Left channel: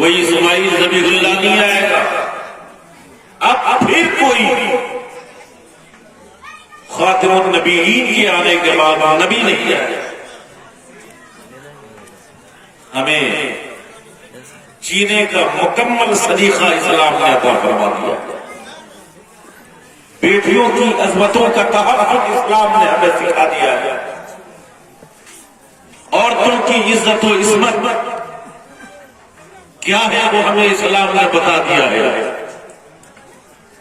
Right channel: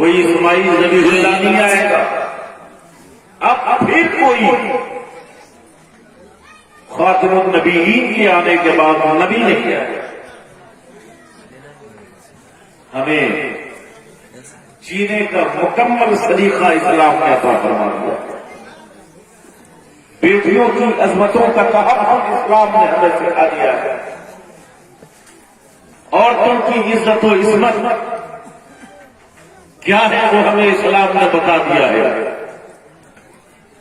کوئی اسماعیل ذبیح اللہ نہیں آئے گا، اب پھر کوئی خاتم النبیین کے آنے کے بعد نبی نہیں آئے گا۔ ہمیں جینے کا مکمل سلیقہ اسلام نے عطا فرما دیا، بیٹیوں کی عظمتوں کا تحفظ اسلام نے ہمیں سکھا دیا ہے، عورتوں کی عزت و عصمت کیا ہے وہ ہمیں اسلام نے بتا دیا ہے۔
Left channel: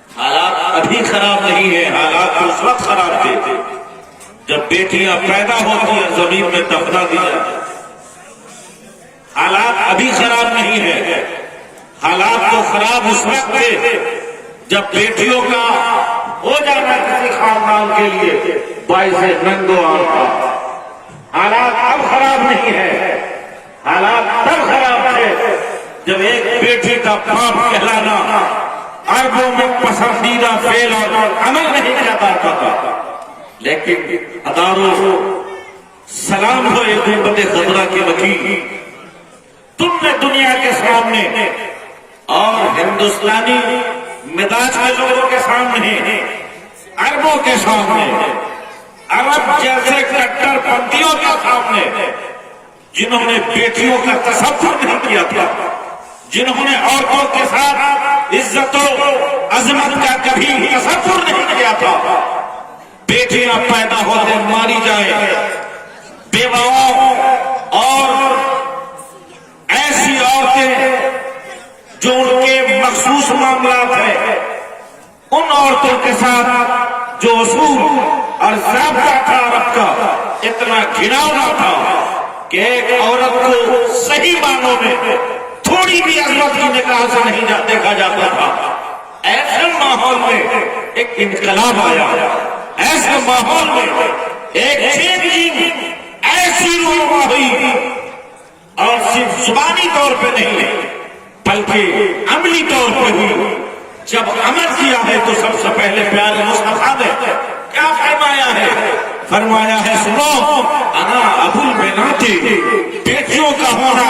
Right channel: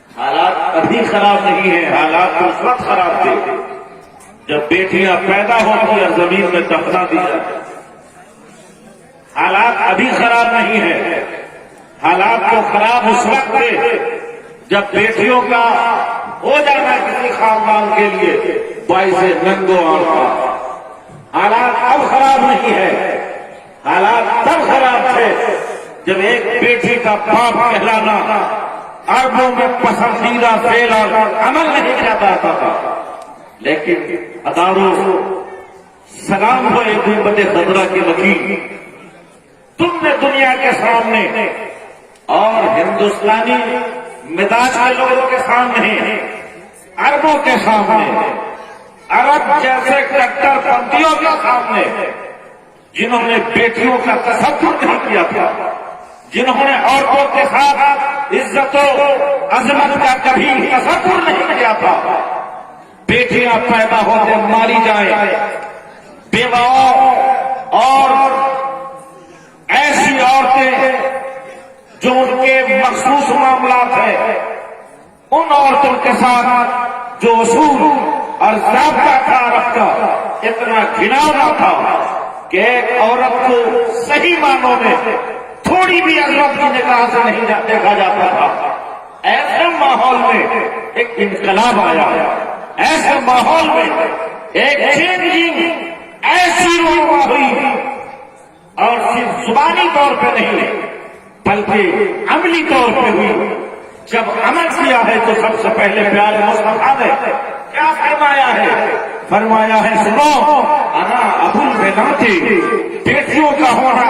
حالات ابھی خراب نہیں ہیں، حالات اس وقت خراب تھے جب بیٹیاں پیدا ہوتی ہیں زمین میں دفنا دی جاتی۔ حالات ابھی خراب نہیں ہے، حالات تو خراب اس وقت تھے جب بیٹیوں کا ہو جانا کسی خاندان کے لیے باعث ننگ و آفت۔ حالات اب خراب نہیں ہے، حالات تب خراب تھے جب ایک بیٹی کا باپ کہلانا عربوں میں پسندیدہ فعل اور عمل نہیں کیا جاتا تھا، لیکن اداروں سلام ہو امت خضرا کے وکیل، تم نے دنیا کے سامنے اور ہندوستانی مزاج کے لوگوں کے سامنے، عربوں کے سامنے، عرب جیسے کٹر پنتھیوں کے سامنے جنہوں نے بیٹیوں کا تصور نہیں کیا تھا، جنہوں نے عورتوں کے ساتھ عزت و عظمت کا کبھی تصور نہیں کیا تھا، بیٹیاں پیدا ہوتے ماری جائے، بیواؤں اور ایسی عورتیں جو ان کے مخصوص معاملات ہیں ان عورتوں کے ساتھ جو اصول اور ضابطہ تھا عرب کا اتنا گھناؤنا تھا کہ ایک عورت کو صحیح معنوں میں تھوڑی بھی عظمت کی نگاہ سے نہیں دیکھا جاتا تھا۔ ایسے ماحول میں ایک انقلاب آیا، ایسے ماحول میں ایک چینجنگ ایسی رونما ہوئی، اور صرف زبانی طور پہ نہیں بلکہ عملی طور پہ بھی جب عمل کیا ہے تو سب سے پہلے پیارے مصطفیٰ نے کیا فرمایا ہے؟ فرمایا ہے سنو، انا ابو البنات، بیٹیوں کا ہونا